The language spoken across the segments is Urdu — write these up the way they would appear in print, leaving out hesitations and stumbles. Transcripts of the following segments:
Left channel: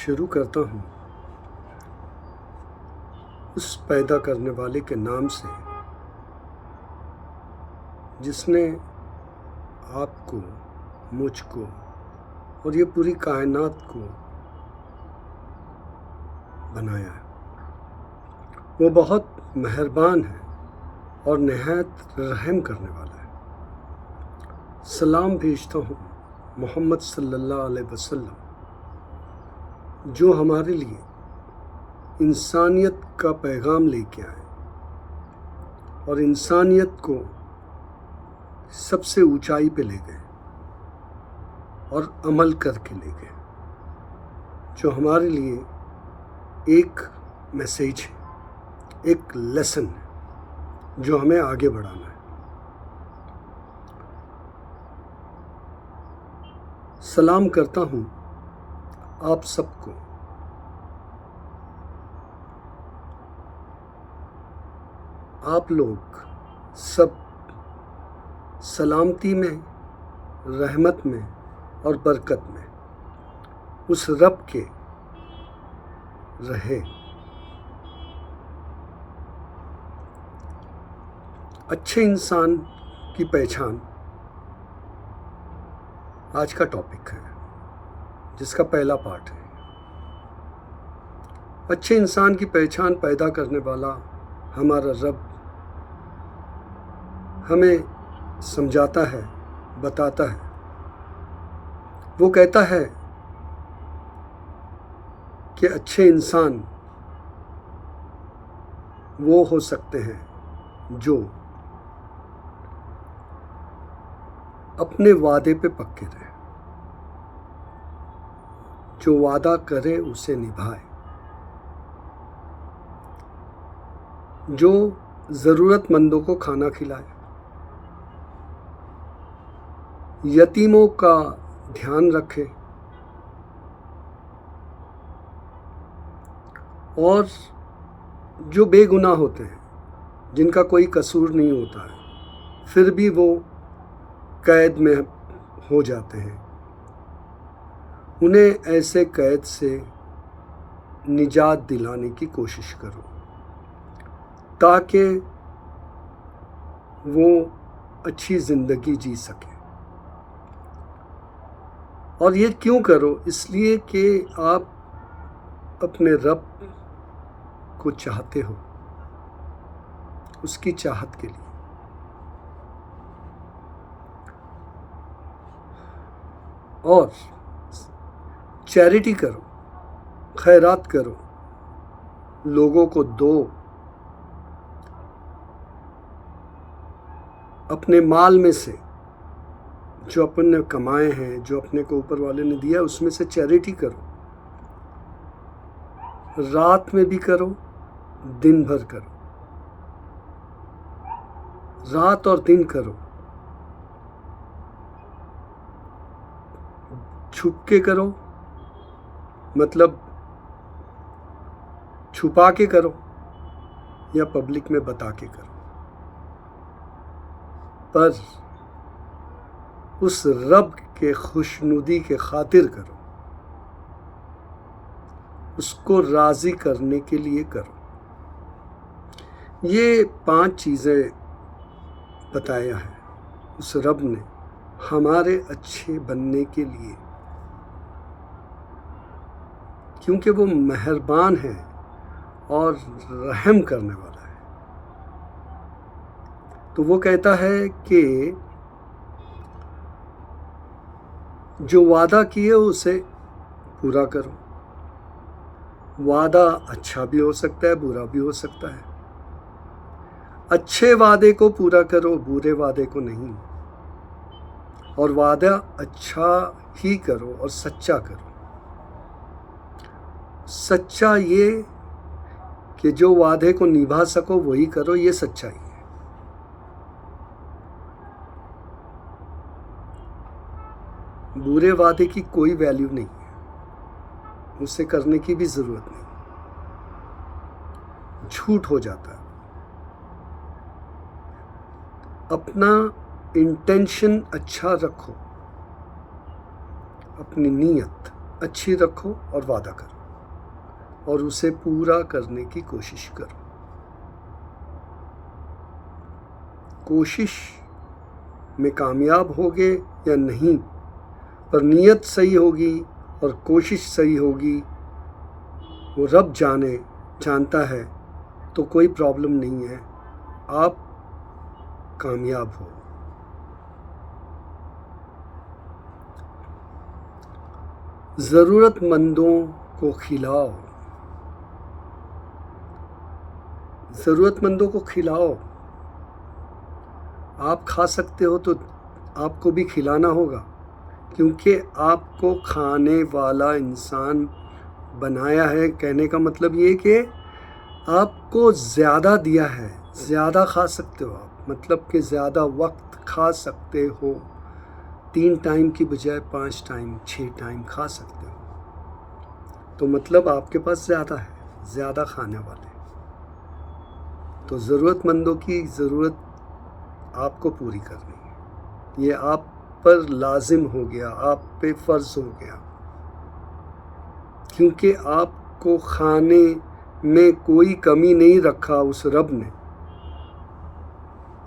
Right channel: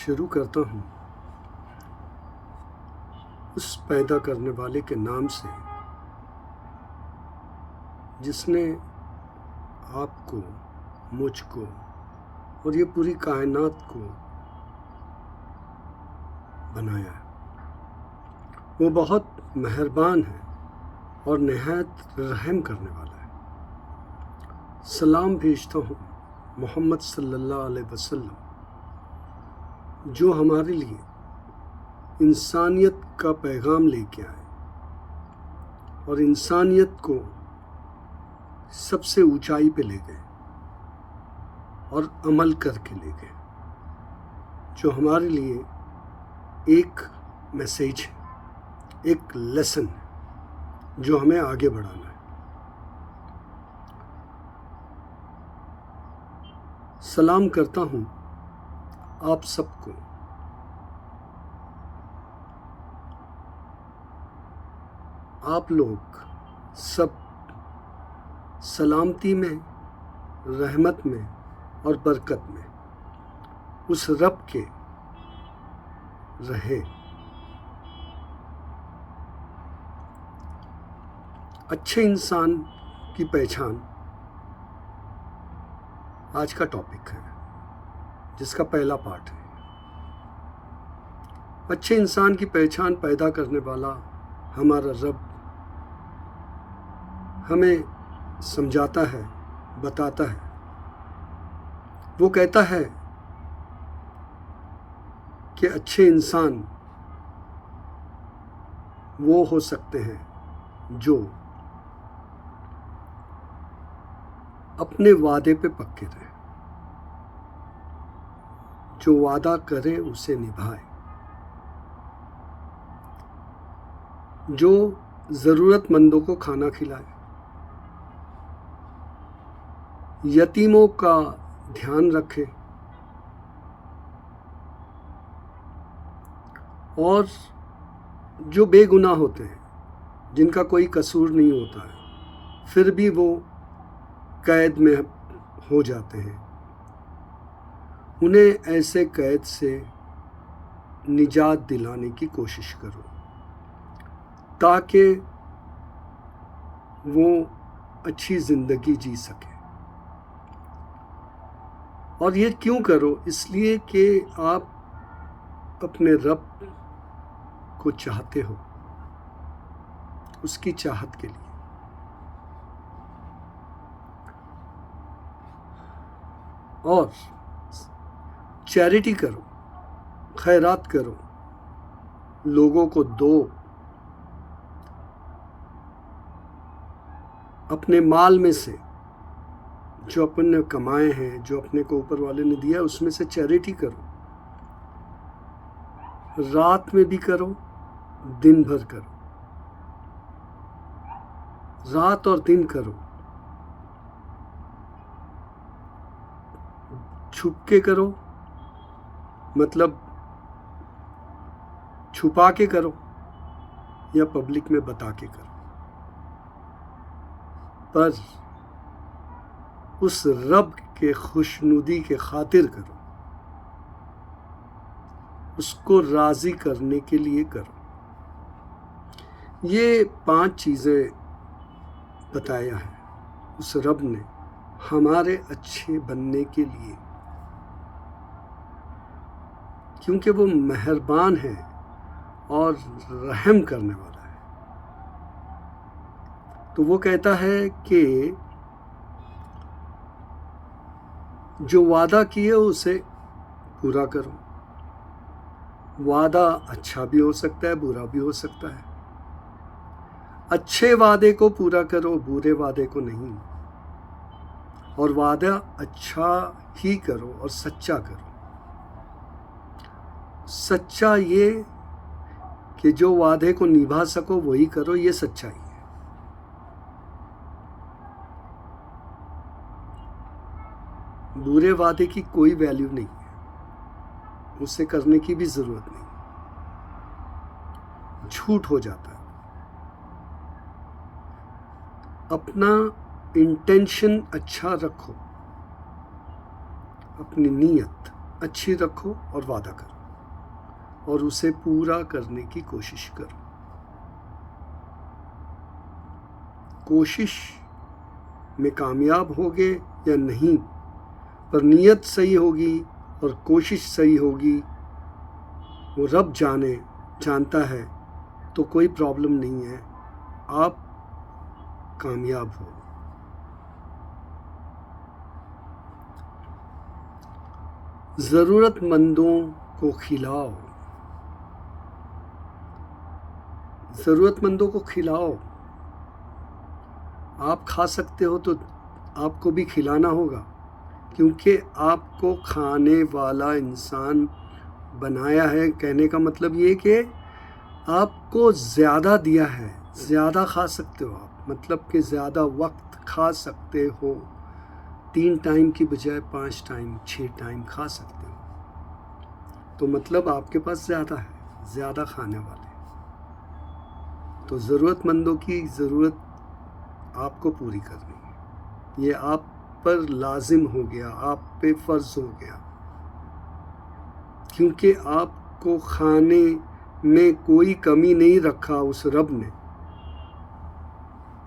شروع کرتا ہوں اس پیدا کرنے والے کے نام سے جس نے آپ کو، مجھ کو اور یہ پوری کائنات کو بنایا ہے۔ وہ بہت مہربان ہے اور نہایت رحم کرنے والا ہے۔ سلام بھیجتا ہوں محمد صلی اللہ علیہ وسلم، جو ہمارے لیے انسانیت کا پیغام لے کے آئے اور انسانیت کو سب سے اونچائی پہ لے گئے اور عمل کر کے لے گئے، جو ہمارے لیے ایک میسیج ہے، ایک لیسن ہے جو ہمیں آگے بڑھانا ہے۔ سلام کرتا ہوں آپ سب کو۔ آپ لوگ سب سلامتی میں، رحمت میں اور برکت میں اس رب کے رہے۔ اچھے انسان کی پہچان آج کا ٹاپک ہے، جس کا پہلا پارٹ ہے۔ اچھے انسان کی پہچان پیدا کرنے والا ہمارا رب ہمیں سمجھاتا ہے، بتاتا ہے۔ وہ کہتا ہے کہ اچھے انسان وہ ہو سکتے ہیں جو اپنے وعدے پہ پکے رہے، جو وعدہ کرے اسے نبھائے، جو ضرورت مندوں کو کھانا کھلائے، یتیموں کا دھیان رکھے اور جو بے گناہ ہوتے ہیں، جن کا کوئی قصور نہیں ہوتا ہے، پھر بھی وہ قید میں ہو جاتے ہیں، انہیں ایسے قید سے نجات دلانے کی کوشش کرو تاکہ وہ اچھی زندگی جی سکے۔ اور یہ کیوں کرو؟ اس لیے کہ آپ اپنے رب کو چاہتے ہو، اس کی چاہت کے لیے۔ اور چیریٹی کرو، خیرات کرو، لوگوں کو دو، اپنے مال میں سے جو اپن نے کمائے ہیں، جو اپنے کو اوپر والے نے دیا، اس میں سے چیریٹی کرو۔ رات میں بھی کرو، دن بھر کرو، رات اور دن کرو، چھپ کے کرو، مطلب چھپا کے کرو، یا پبلک میں بتا کے کرو، پر اس رب کے خوشنودی کے خاطر کرو، اس کو راضی کرنے کے لیے کرو۔ یہ 5 چیزیں بتایا ہے اس رب نے ہمارے اچھے بننے کے لیے، کیونکہ وہ مہربان ہے اور رحم کرنے والا ہے۔ تو وہ کہتا ہے کہ جو وعدہ کیے اسے پورا کرو۔ وعدہ اچھا بھی ہو سکتا ہے، برا بھی ہو سکتا ہے۔ اچھے وعدے کو پورا کرو، برے وعدے کو نہیں۔ اور وعدہ اچھا ہی کرو اور سچا کرو۔ سچا یہ کہ جو وعدے کو نبھا سکو وہی کرو، یہ سچائی ہے۔ برے وعدے کی کوئی ویلیو نہیں ہے، اسے کرنے کی بھی ضرورت نہیں، جھوٹ ہو جاتا ہے۔ اپنا انٹینشن اچھا رکھو، اپنی نیت اچھی رکھو اور وعدہ کرو اور اسے پورا کرنے کی کوشش کرو. کوشش میں کامیاب ہوگے یا نہیں، پر نیت صحیح ہوگی اور کوشش صحیح ہوگی، وہ رب جانتا ہے، تو کوئی پرابلم نہیں ہے، آپ کامیاب ہو. ضرورت مندوں کو کھلاؤ. ضرورت مندوں کو کھلاؤ. آپ کھا سکتے ہو تو آپ کو بھی کھلانا ہوگا، کیونکہ آپ کو کھانے والا انسان بنایا ہے. کہنے کا مطلب یہ کہ آپ کو زیادہ دیا ہے، زیادہ کھا سکتے ہو آپ، مطلب کہ زیادہ وقت کھا سکتے ہو. 3 ٹائم کی بجائے 5 ٹائم 6 ٹائم کھا سکتے ہو، تو مطلب آپ کے پاس زیادہ ہے، زیادہ کھانے والے. تو ضرورت مندوں کی ضرورت آپ کو پوری کرنی ہے، یہ آپ پر لازم ہو گیا، آپ پہ فرض ہو گیا، کیونکہ آپ کو کھانے میں کوئی کمی نہیں رکھا اس رب نے.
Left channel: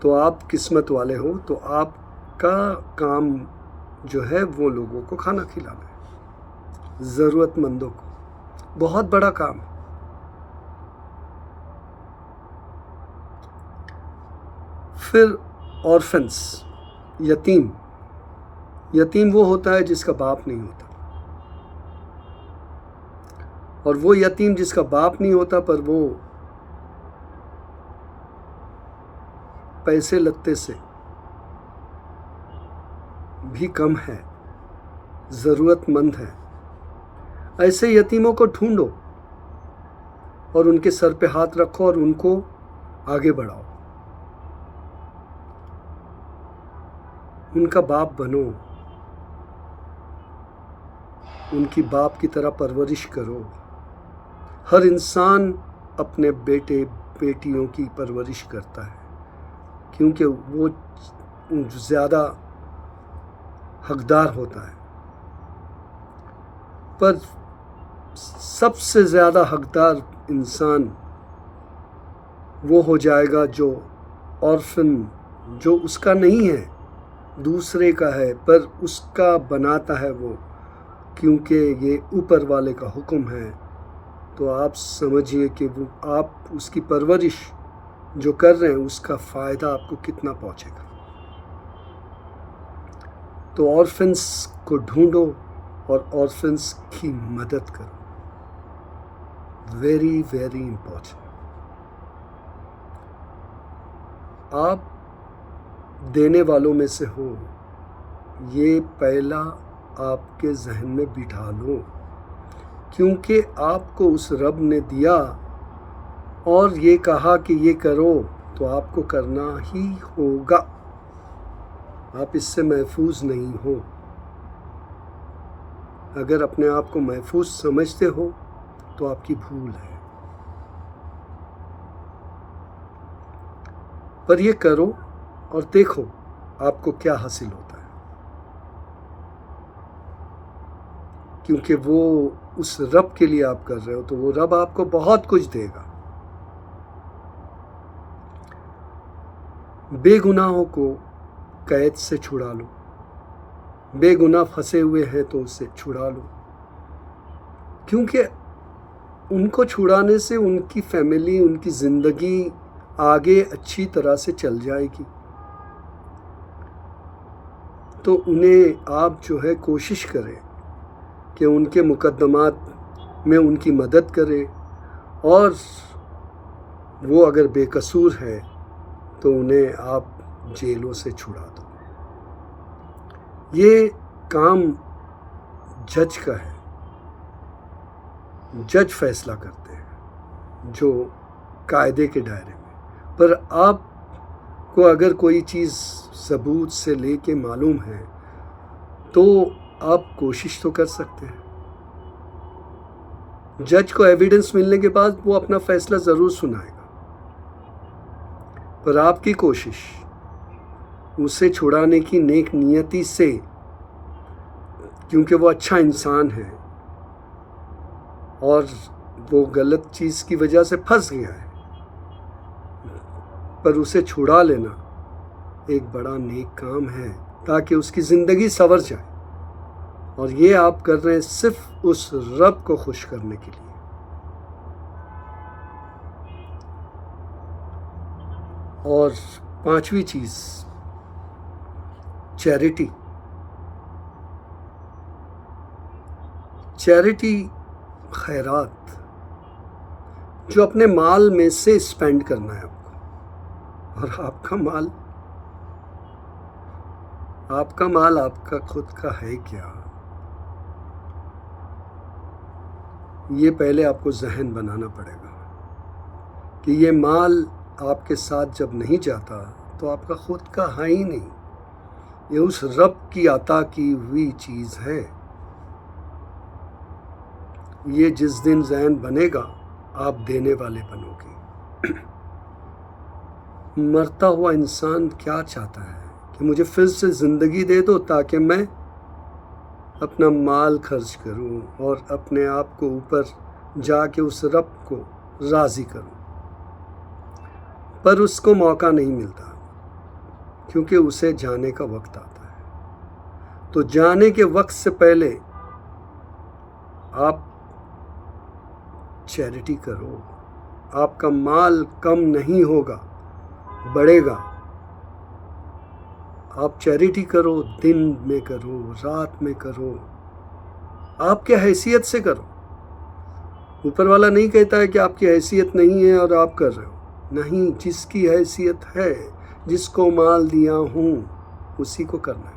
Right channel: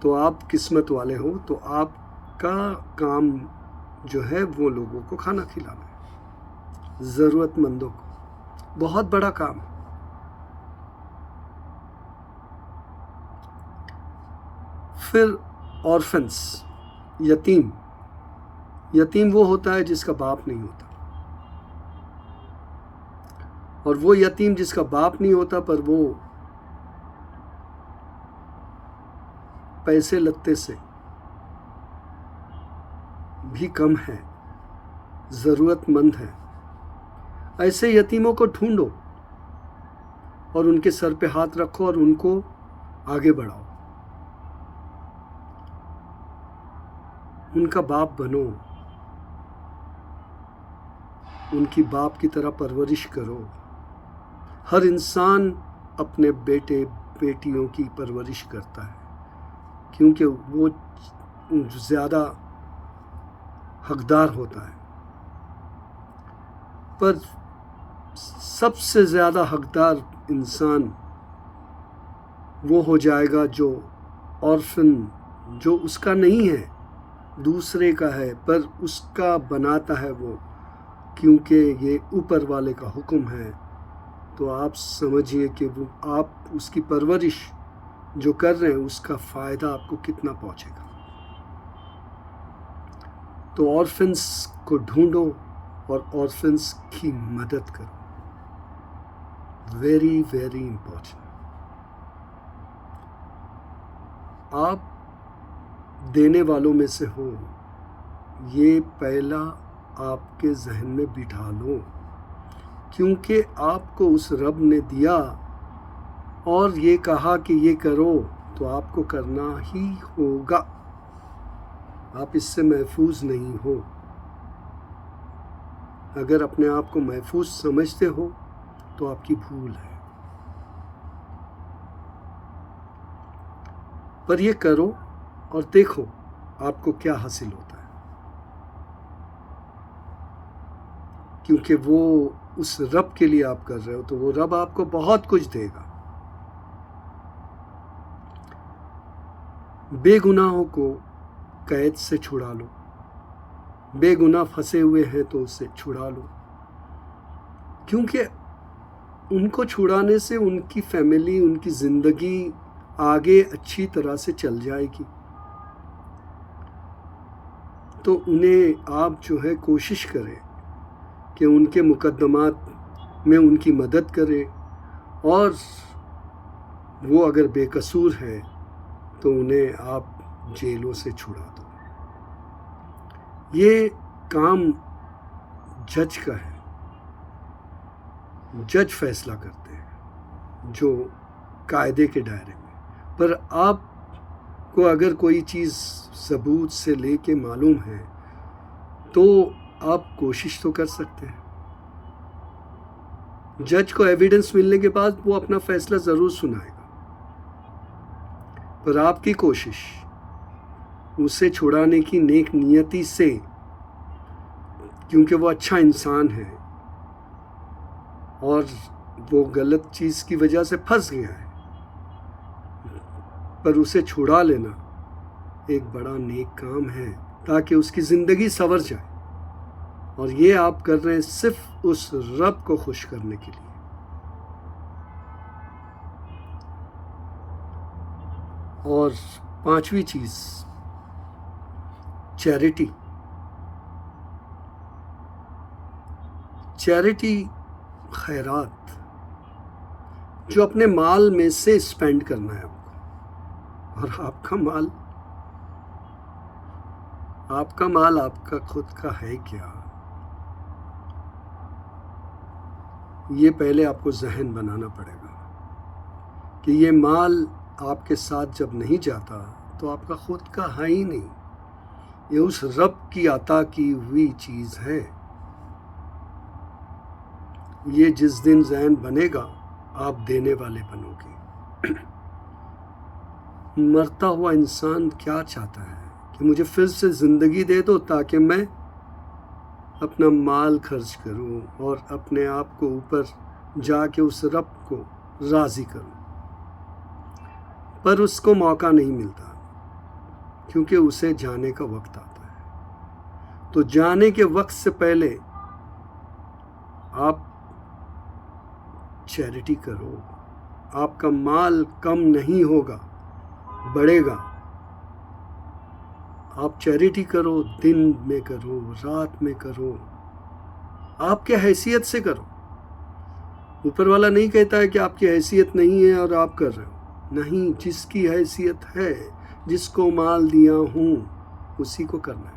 تو آپ قسمت والے ہو. تو آپ کا کام جو ہے وہ لوگوں کو کھانا کھلانا ہے، ضرورت مندوں کو. بہت بڑا کام. پھر آرفنس، یتیم. یتیم وہ ہوتا ہے جس کا باپ نہیں ہوتا، اور وہ یتیم جس کا باپ نہیں ہوتا پر وہ پیسے لتے سے بھی کم ہے، ضرورت مند ہے. ایسے یتیموں کو ڈھونڈو اور ان کے سر پہ ہاتھ رکھو اور ان کو آگے بڑھاؤ. ان کا باپ بنو، ان کی باپ کی طرح پرورش کرو. ہر انسان اپنے بیٹے بیٹیوں کی پرورش کرتا ہے، کیونکہ وہ زیادہ حقدار ہوتا ہے. پر سب سے زیادہ حقدار انسان وہ ہو جائے گا جو آرفن، جو اس کا نہیں ہے، دوسرے کا ہے، پر اس کا بناتا ہے وہ، کیونکہ یہ اوپر والے کا حکم ہے. تو آپ سمجھیے کہ وہ آپ اس کی پرورش جو کر رہے ہیں اس کا فائدہ آپ کو کتنا پہنچے گا. تو آرفنس کو ڈھونڈو اور آرفنس کی مدد کرو. Very very important. آپ دینے والوں میں سے ہو، یہ پہلا آپ کے ذہن میں بٹھا لو، کیونکہ آپ کو اس رب نے دیا اور یہ کہا کہ یہ کرو، تو آپ کو کرنا ہی ہوگا. آپ اس سے محفوظ نہیں ہو. اگر اپنے آپ کو محفوظ سمجھتے ہو تو آپ کی بھول ہے. پر یہ کرو اور دیکھو آپ کو کیا حاصل ہوتا ہے، کیونکہ وہ اس رب کے لیے آپ کر رہے ہو، تو وہ رب آپ کو بہت کچھ دے گا. بے گناہوں کو قید سے چھڑا لو. بے گناہ پھنسے ہوئے ہیں تو اسے چھڑا لو، کیونکہ ان کو چھڑانے سے ان کی فیملی، ان کی زندگی آگے اچھی طرح سے چل جائے گی. تو انہیں آپ جو ہے کوشش کریں کہ ان کے مقدمات میں ان کی مدد کرے، اور وہ اگر بے قصور ہے تو انہیں آپ جیلوں سے چھڑا دو. یہ کام جج کا ہے. جج فیصلہ کرتے ہیں جو قاعدے کے دائرے میں. پر آپ کو اگر کوئی چیز ثبوت سے لے کے معلوم ہے تو آپ کوشش تو کر سکتے ہیں. جج کو ایویڈنس ملنے کے بعد وہ اپنا فیصلہ ضرور سنائے گا، پر آپ کی کوشش اسے چھڑانے کی نیک نیتی سے، کیونکہ وہ اچھا انسان ہے، اور وہ غلط چیز کی وجہ سے پھنس گیا ہے، پر اسے چھڑا لینا ایک بڑا نیک کام ہے تاکہ اس کی زندگی سنور جائے، اور یہ آپ کر رہے ہیں صرف اس رب کو خوش کرنے کے لیے۔ اور پانچویں چیز، چیریٹی۔ چیریٹی خیرات جو اپنے مال میں سے اسپینڈ کرنا ہے آپ کو، اور آپ کا مال آپ کا خود کا ہے کیا، یہ پہلے آپ کو ذہن بنانا پڑے گا کہ یہ مال آپ کے ساتھ جب نہیں جاتا تو آپ کا خود کا ہے ہی نہیں، یہ اس رب کی عطا کی ہوئی چیز ہے۔ یہ جس دن ذہن بنے گا آپ دینے والے بنو گے۔ مرتا ہوا انسان کیا چاہتا ہے کہ مجھے پھر سے زندگی دے دو تاکہ میں اپنا مال خرچ کروں اور اپنے آپ کو اوپر جا کے اس رب کو راضی کروں، پر اس کو موقع نہیں ملتا کیونکہ اسے جانے کا وقت آتا ہے۔ تو جانے کے وقت سے پہلے آپ چیریٹی کرو، آپ کا مال کم نہیں ہوگا، بڑھے گا۔ آپ چیریٹی کرو، دن میں کرو، رات میں کرو، آپ کے حیثیت سے کرو۔ اوپر والا نہیں کہتا ہے کہ آپ کی حیثیت نہیں ہے اور آپ کر رہے ہو، نہیں، جس کی حیثیت ہے، جس کو مال دیا ہوں اسی کو کرنا ہے۔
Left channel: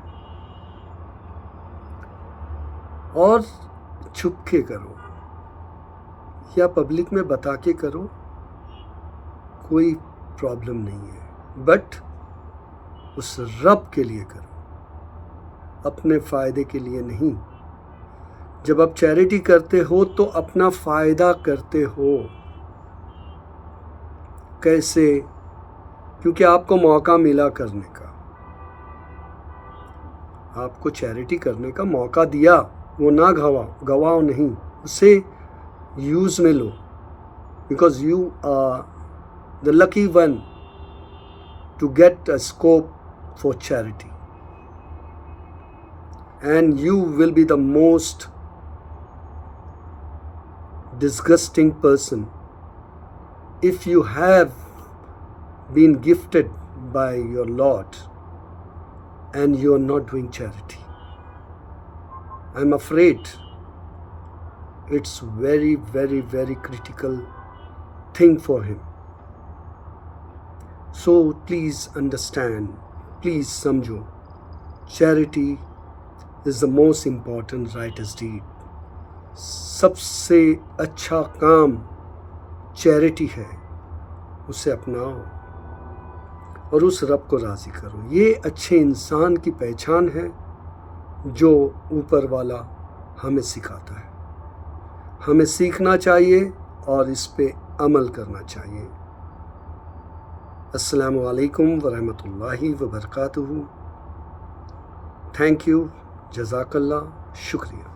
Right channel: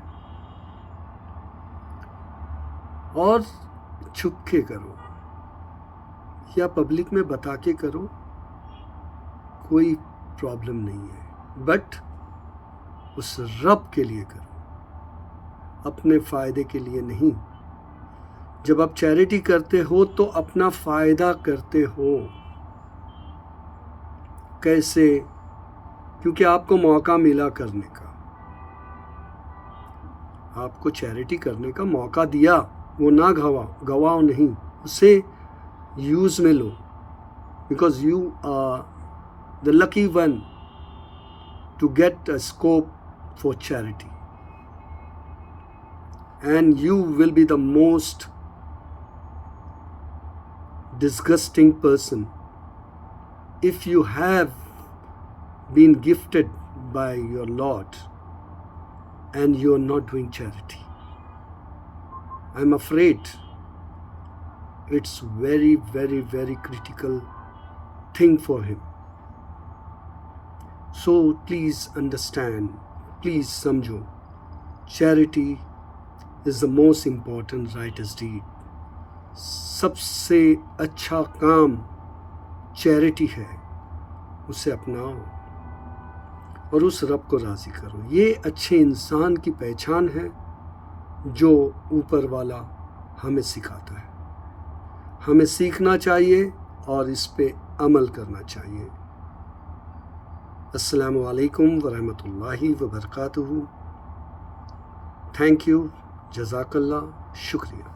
اور چھپ کے کرو یا پبلک میں بتا کے کرو، کوئی پرابلم نہیں ہے، بٹ اس رب کے لیے کرو، اپنے فائدے کے لیے نہیں۔ جب آپ چیریٹی کرتے ہو تو اپنا فائدہ کرتے ہو۔ کیسے؟ کیونکہ آپ کو موقع ملا کرنے کا، آپ کو چیریٹی کرنے کا موقع دیا، وہ نہ گواؤ نہیں، اسے یوز میں لو، because you are the lucky one to get a scope for charity, and you will be the most disgusting person if you have been gifted by your Lord and you are not doing charity. I'm afraid it's very, very, very critical thing for him. So please understand, please samjho, charity is the most important righteous deed. سب سے اچھا کام چیریٹی ہے، اسے اپناؤ اور اس رب کو راضی کرو۔ یہ اچھے انسان کی پہچان ہے جو اوپر والا ہمیں سکھاتا ہے۔ ہمیں سیکھنا چاہیے اور اس پہ عمل کرنا چاہیے۔ السلام علیکم ورحمۃ اللہ وبرکاتہ۔ تھینک یو، جزاک اللہ، شکریہ۔